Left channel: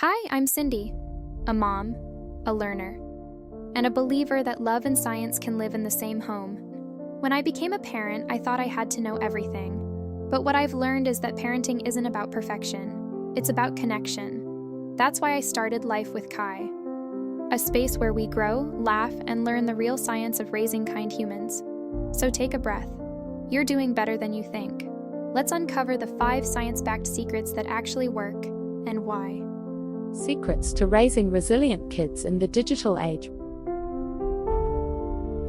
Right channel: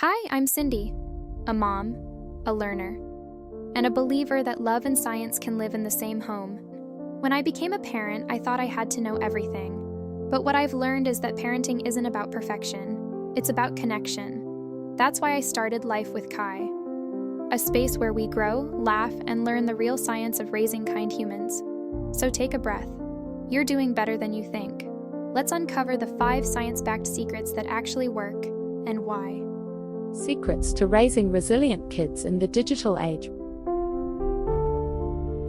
Hi, I'm Cindy, a mom, a learner, and a believer that love and science can live in the same home. When I became a parent, I thought I had to know everything. But what I've learned is that parenting isn't about perfection, it's about connection. That's why I started Life with Kai, a space where we grow, laugh, and learn the real science of raising kind humans. So take a breath. You're doing better than you think. Let's uncover the 5 science-backed secrets that actually work, and why. Secrets to raising resilient kids in the digital age.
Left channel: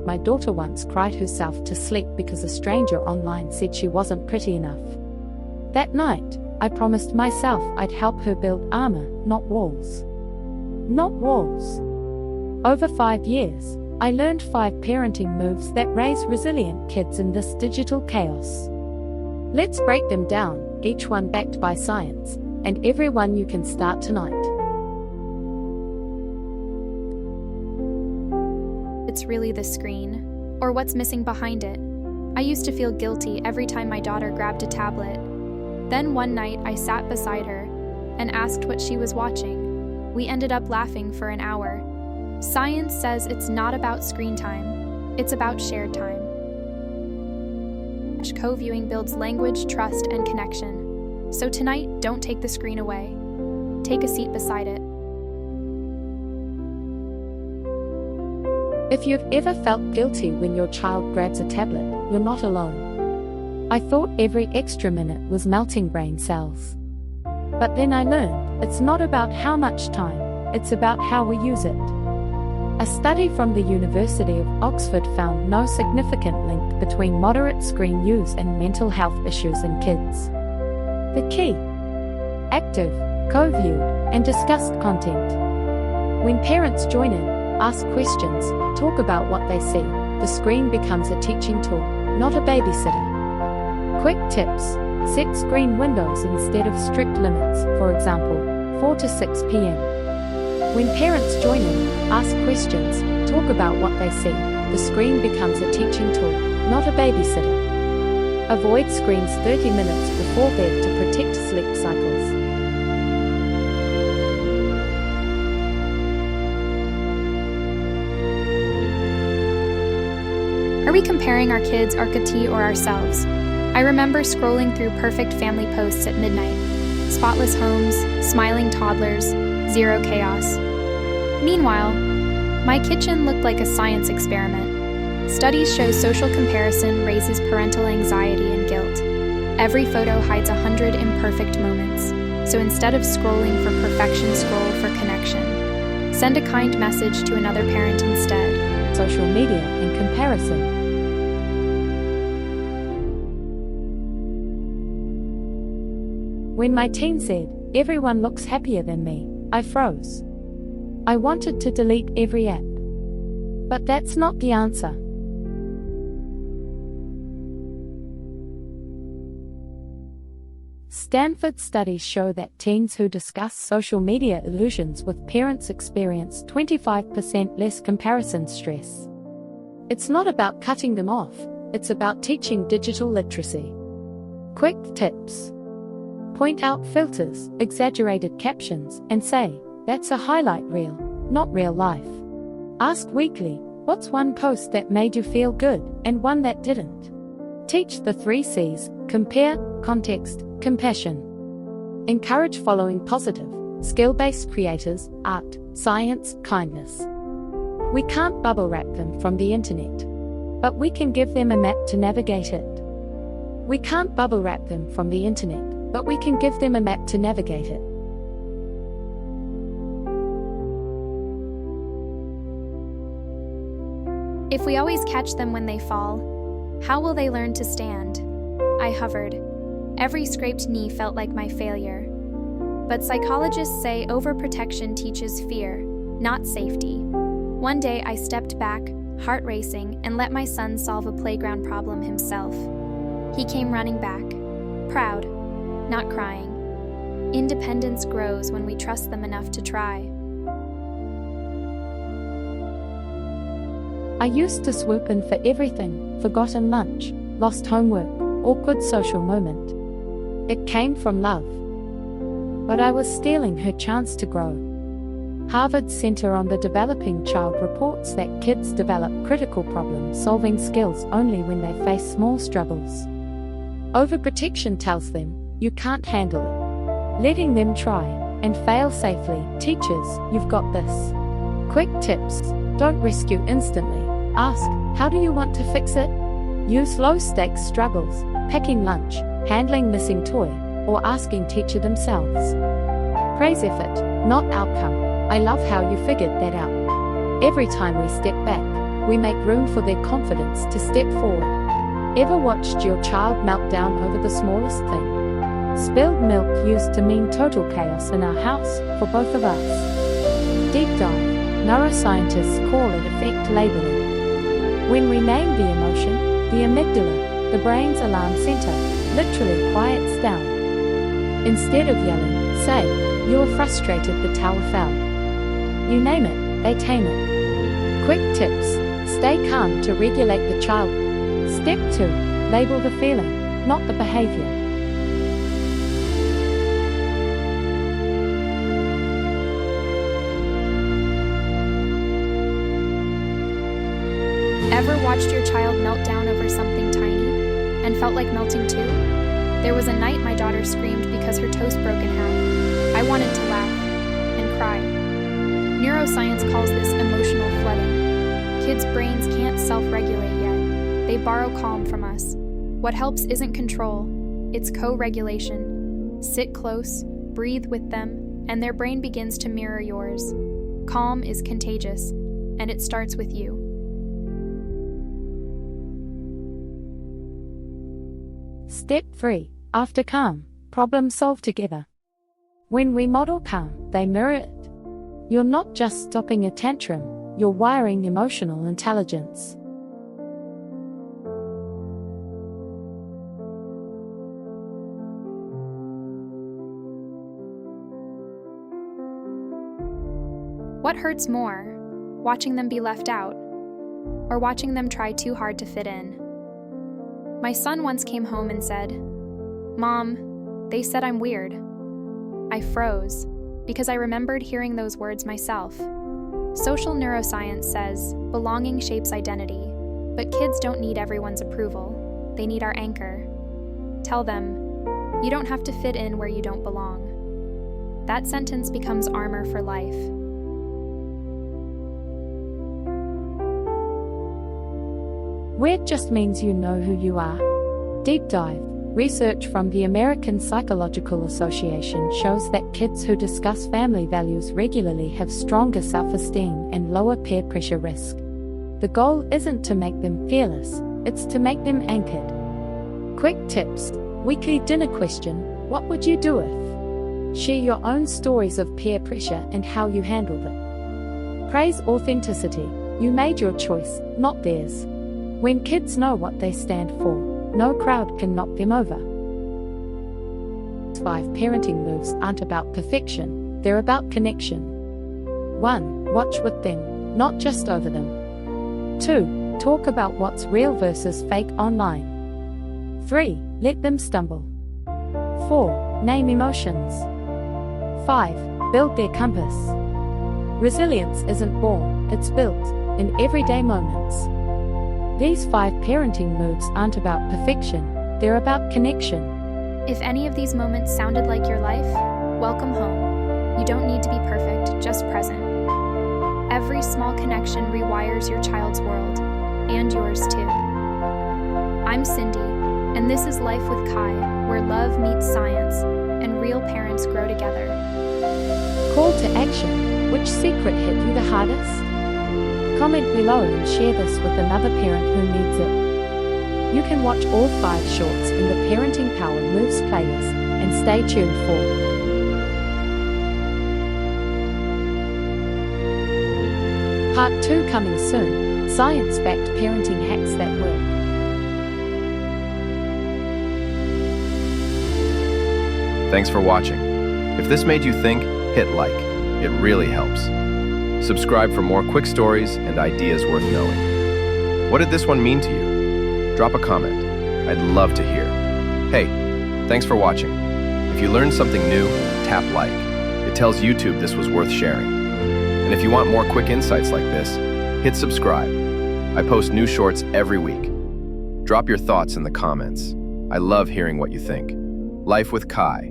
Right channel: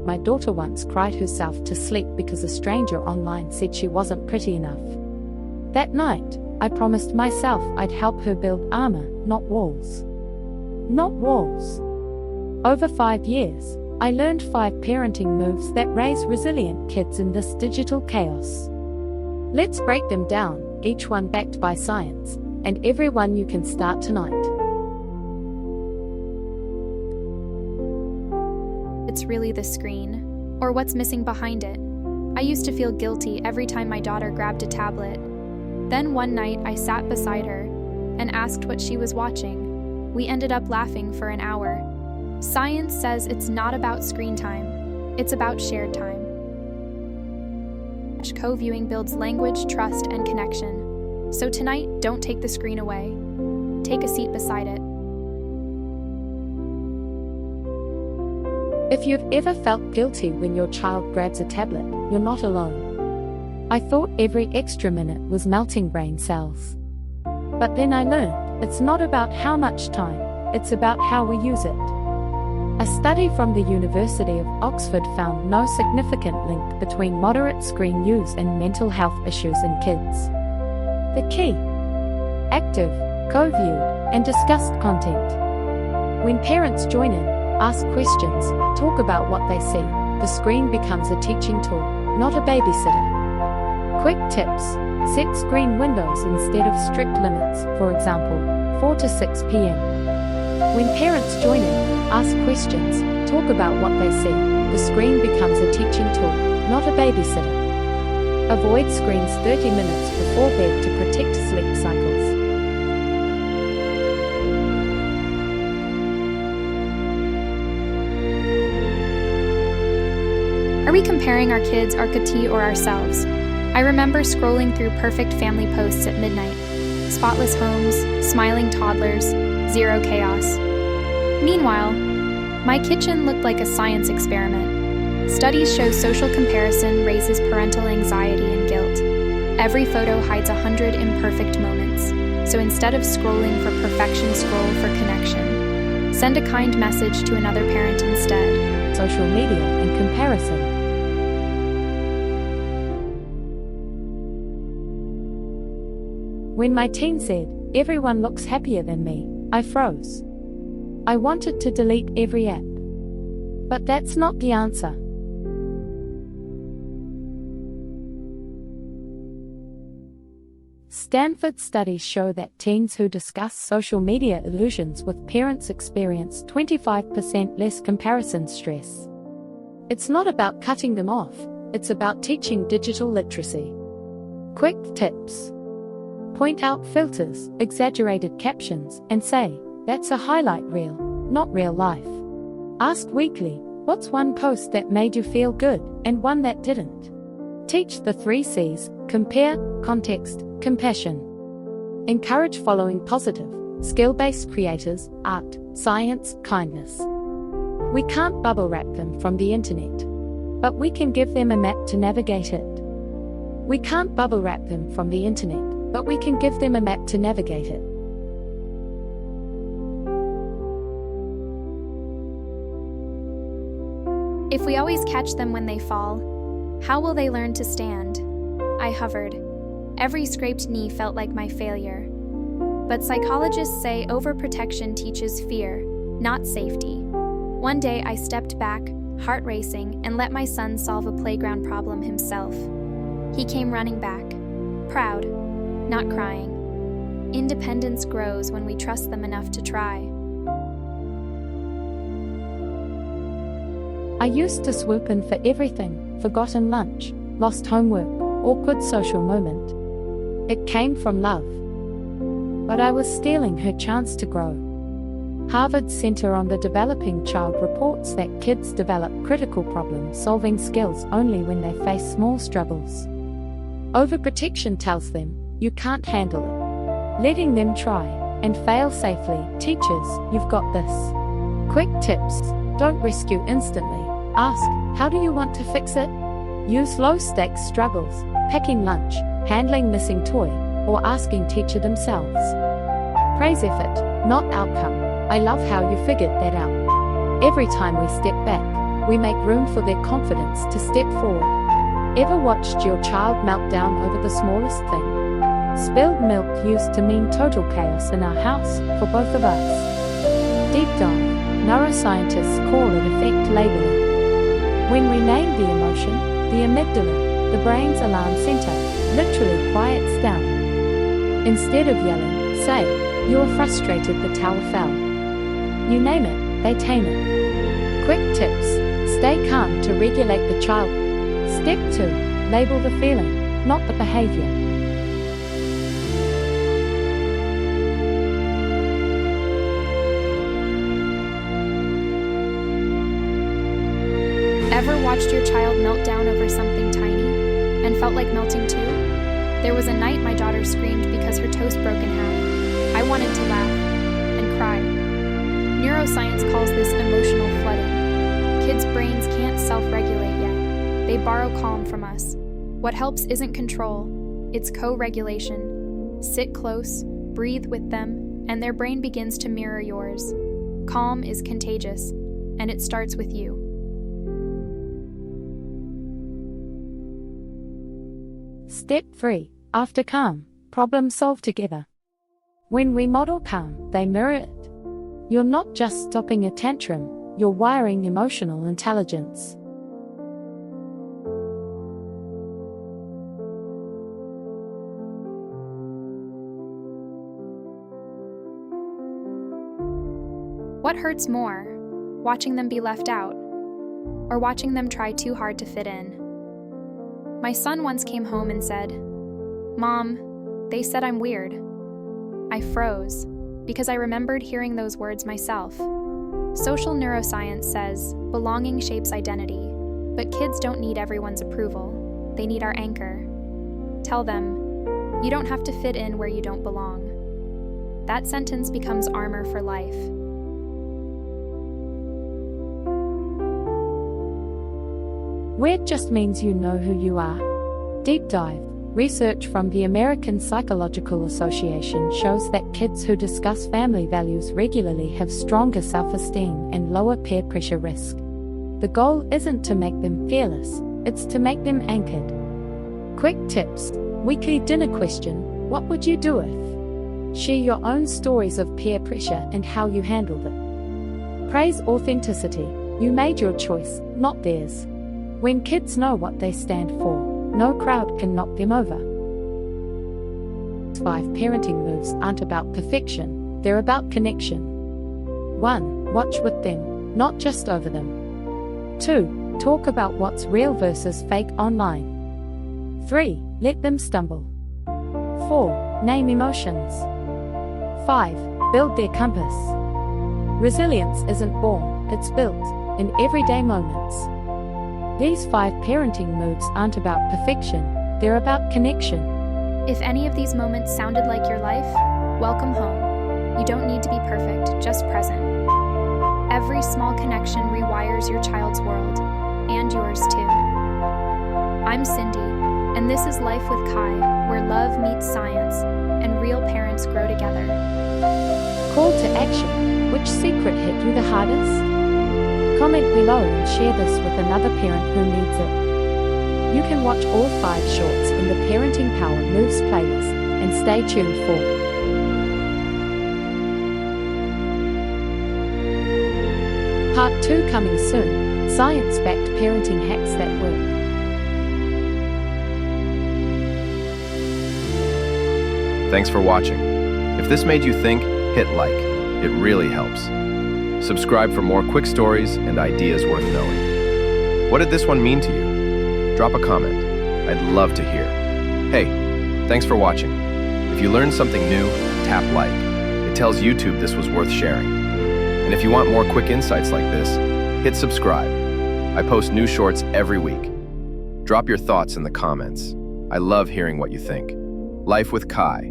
My daughter once cried herself to sleep because a stranger online said she wasn't pretty enough. That night, I promised myself I'd help her build armor, not walls. Not walls. Over 5 years, I learned 5 parenting moves that raise resilient kids in this digital chaos. Let's break them down, each one backed by science, and every one you can start tonight. It's really the screen, or what's missing behind it. I used to feel guilty every time my daughter grabbed a tablet. Then one night I sat beside her and asked what she was watching. We ended up laughing for an hour. Science says it's not about screen time, it's about shared time. Co-viewing builds language, trust, and connection. So tonight, don't take the screen away. Take a seat beside it. If you've ever felt guilty when your child grabs a tablet, you're not alone. I thought every extra minute was melting brain cells. But then I learned, it's not about how much time, it's about how we use it. A study from the University of Oxford found no significant link between moderate screen use and mental health issues in kids. The key: active, co-viewed, and discussed content. When parents join in, ask questions, talk about what they see, the screen becomes a teaching tool, not a babysitter. Quick tips: set screen windows instead of strict limits, for example, 4 to 6 p.m. When parents join in, ask questions, talk about what they see, the screen becomes a teaching tool, not a babysitter. Avoid screens 30 minutes before bed to protect sleep cycles. Are we comparing our kids, our kitty, or ourselves? I remember scrolling through perfect family posts at midnight. Spotless homes, smiling toddlers, zero chaos. Meanwhile, my kitchen looked like a science experiment. Studies show social comparison raises parental anxiety and guilt. Every photo hides 100 imperfect moments. So instead of scrolling for perfection, scroll for connection. Send a kind message to another parent instead. Social media and comparison. When my teen said, "Everyone looks happier than me," I froze. I wanted to delete every app. But that's not the answer. Stanford studies show that teens who discuss social media illusions with parents experience 25% less comparison stress. It's not about cutting them off, it's about teaching digital literacy. Quick tips: point out filters, exaggerated captions, and say, "That's a highlight reel, not real life." Ask weekly, what's one post that made you feel good, and one that didn't? Teach the 3 C's: compare, context, compassion. Encourage following positive, skill-based creators, art, science, kindness. We can't bubble wrap them from the internet, but we can give them a map to navigate it. We can't bubble wrap them from the internet, but we can give them a map to navigate it. If we always catch them when they fall, how will they learn to stand? I hovered. Every scraped knee felt like my failure. But psychologists say overprotection teaches fear, not safety. One day I stepped back, heart racing, and let my son solve a playground problem himself. He came running back, proud, not crying. Independence grows when we trust them enough to try. I used to swoop in for everything: forgotten lunch, lost homework, awkward social moment. It came from love. but I was stealing her chance to grow. Harvard's Center on the Developing Child reports that kids develop critical problem-solving skills only when they face small struggles. Overprotection tells them, you can't handle it. Letting them try and fail safely teaches, you've got this. Quick tips: don't rescue instantly. Ask, how do you want to fix it? Use low-stakes struggles, packing lunch, handling missing toy, or asking teacher themselves. Praise effort, not outcome. I love how you figured that out. Every time we step back, we make room for their confidence to step forward. Ever watched your child melt down over the smallest thing? Spilled milk used to mean total chaos in our house, for both of us. Deep dive. Neuroscientists call it affect labeling. When we name the emotion, the amygdala, the brain's alarm center, literally quiets down. Instead of yelling, say, you are frustrated the tower fell. You name it, they tame it. Quick tips: stay calm to regulate the child. Step 2. Label the feeling, not the behavior. Ever watched your child melt down over something tiny and felt like melting too? There was a night my daughter screamed because her toast broke in half. I wanted to laugh and cry. Neuroscience calls this emotional flooding. Kids' brains can't self-regulate yet. They borrow calm from us. What helps isn't control, it's co-regulation. Sit close, breathe with them, and their brain begins to mirror yours. Calm is contagious, and it starts with you. Step 3. After calm, problem solve together. When we model calm, they mirror it. You're not just stopping a tantrum, you're wiring emotional intelligence. What hurts more, watching them be left out, or watching them try too hard to fit in? My son once came home and said, "Mom, they said I'm weird." I froze, because I remembered hearing those words myself. Social neuroscience says belonging shapes identity, but kids don't need everyone's approval. They need our anchor. Tell them, you don't have to fit in where you don't belong. That sentence becomes armor for life. Weird just means you know who you are. Deep dive. Research from the American Psychological Association shows that kids who discuss family values regularly have stronger self-esteem and lower peer pressure risk. The goal isn't to make them fearless, it's to make them anchored. Quick tips. Weekly dinner question: what would you do if? Share your own stories of peer pressure and how you handled it. Praise authenticity. You made your choice, not theirs. When kids know what they stand for, no crowd can knock them over. 5 parenting moves aren't about perfection, they're about connection. 1. Watch with them, not just over them. 2. Talk about what's real versus fake online. 3. Let them stumble. 4. Name emotions. 5. Build their compass. Resilience isn't born, it's built, in everyday moments. These 5 parenting moves aren't about perfection, they're about connection. If any of these moments sounded like your life, welcome home. You don't need to be perfect, just present. Every small connection rewires your child's world, and yours too. I'm Cindy, and this is Life with Kai, where love meets science, and real parents grow together. Call to action. Which secret hit you the hardest? Comment below and share this with another parent who needs it. You can watch all 5 shorts in the Parenting Power Moves playlist, and stay tuned for Part 2 coming soon, science-backed parenting hacks that work. Thanks for watching. If this made you think, hit like. It really helps. Subscribe for more quick stories and ideas worth knowing. What did this one mean to you? Drop a comment. I'd love to hear. Hey, thanks for watching. If you learned something new, tap like. It tells YouTube this was worth sharing. And if you want more quick insights like this, hit subscribe. I post new shorts every week. Drop your thoughts in the comments. I love hearing what you think. Life with Kai.